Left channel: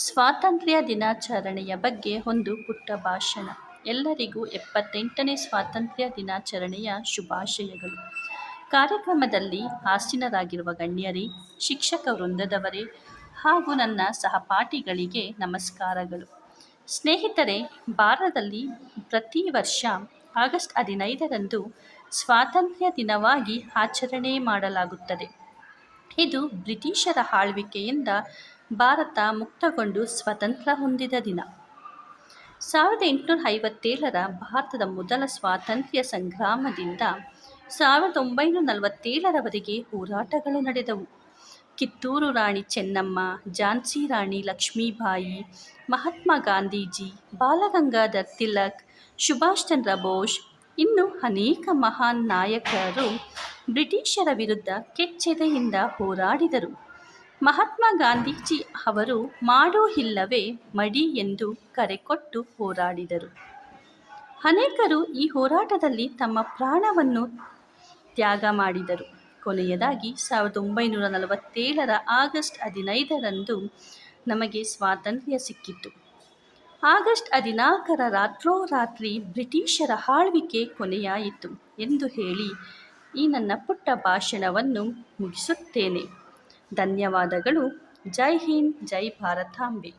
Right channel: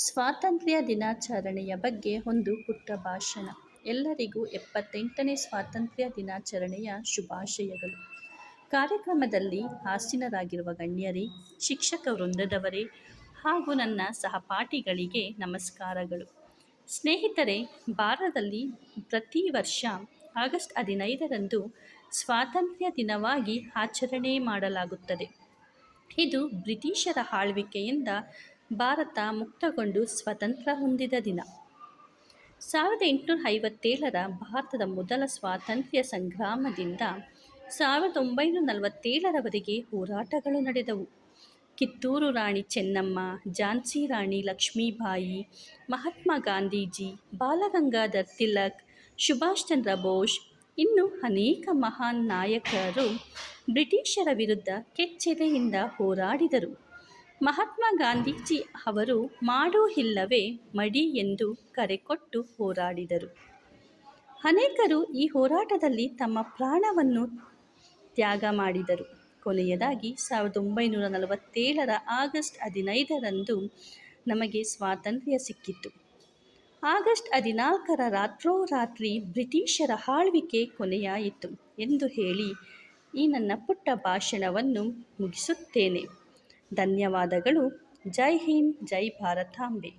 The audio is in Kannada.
ಸ್ವಾತಂತ್ರ್ಯ ದಿನಾಚರಣೆಯ ಬಗ್ಗೆ ಒಂದು ಪುಟ್ಟ ಭಾಷಣ. ಎಲ್ಲರಿಗೂ ಎಪ್ಪತ್ತೆಂಟನೇ ಸ್ವಾತಂತ್ರ್ಯ ದಿನಾಚರಣೆಯ ಶುಭಾಶಯಗಳು. ಕಾರ್ಯಕ್ರಮದಲ್ಲಿ ಆಸೀನರಾಗಿರುವ ಗಣ್ಯರೇ, ಶಿಕ್ಷಕ ವೃಂದದವರೇ ಹಾಗೂ ನನ್ನ ಸಹಪಾಠಿಗಳಿಗೆ ನಮಸ್ಕಾರಗಳು. ಸ್ನೇಹಿತರೆ, ಭಾರತದಲ್ಲಿ ಪ್ರತಿ ವರ್ಷ ಆಗಸ್ಟ್ ಹದಿನೈದರಂದು ಸ್ವಾತಂತ್ರ್ಯ ದಿನವಾಗಿ ಆಚರಣೆ ಮಾಡಲಾಗುತ್ತದೆ. ಇದು ಬ್ರಿಟಿಷರ ಆಳ್ವಿಕೆಯಿಂದ ಭಾರತ ಮುಕ್ತಗೊಂಡು ಸ್ವತಂತ್ರ ಹೊಂದಿದ ದಿನ. ಸಾವಿರದ ಎಂಟುನೂರ ಐವತ್ತೇಳರ ಭಾರತದ ಮೊದಲ ಸ್ವಾತಂತ್ರ್ಯ ಸಂಗ್ರಾಮದಿಂದ ಸಾವಿರದ ಒಂಬೈನೂರ ನಲವತ್ತೇಳರವರೆಗೆ ಹೋರಾಟಗಳು ನಡೆದವು. ಕಿತ್ತೂರು ರಾಣಿ ಚೆನ್ನಮ್ಮ, ಝಾನ್ಸಿ ರಾಣಿ ಲಕ್ಷ್ಮೀಬಾಯಿ, ಮಹಾತ್ಮ ಗಾಂಧೀಜಿ, ಬಾಲಗಂಗಾಧರ್ ತಿಲಕ್, ಸುಭಾಷ್ ಚಂದ್ರ ಬೋಸ್, ಇನ್ನು ಅನೇಕ ಮಹಾನ್ ನಾಯಕರು ಬ್ರಿಟಿಷರ ವಿರುದ್ಧ ಕೆಚ್ಚೆದೆಯಿಂದ ಹೋರಾಡಿದರು. ಮಹಾತ್ಮ ಗಾಂಧೀಜಿ ಅವರು ಮಾಡು ಇಲ್ಲವೇ ಮಡಿ ಎಂದು ಕರೆ ಕೊಟ್ಟು ಹೋರಾಡಿದರು. ಅನೇಕರು ಈ ಹೋರಾಟದಲ್ಲಿ ತಮ್ಮ ಪ್ರಾಣವನ್ನು ತ್ಯಾಗ ಮಾಡಿದರು. ಕೊನೆಯದಾಗಿ, ಸಾವಿರದ ಒಂಬೈನೂರ ನಲವತ್ತೇಳರ ಆಗಸ್ಟ್ ಹದಿನೈದರಂದು ನಮಗೆ ಸ್ವಾತಂತ್ರ್ಯ ಸಿಕ್ಕಿತು. ಆಗಸ್ಟ್ ಹದಿನಾಲ್ಕರ ರಾತ್ರೋರಾತ್ರಿ ಬ್ರಿಟಿಷರ ಆಳ್ವಿಕೆ ಕೊನೆಯಾಯಿತು ಎಂದು ಹೇಳಿ, ಈ ನನ್ನ ಪುಟ್ಟ ಭಾಷಣವನ್ನು ಮುಗಿಸುತ್ತೇನೆ. ಧನ್ಯವಾದಗಳು. ಜೈ ಹಿಂದ್ ಜೈ ಭಾರತಾಂಬೆ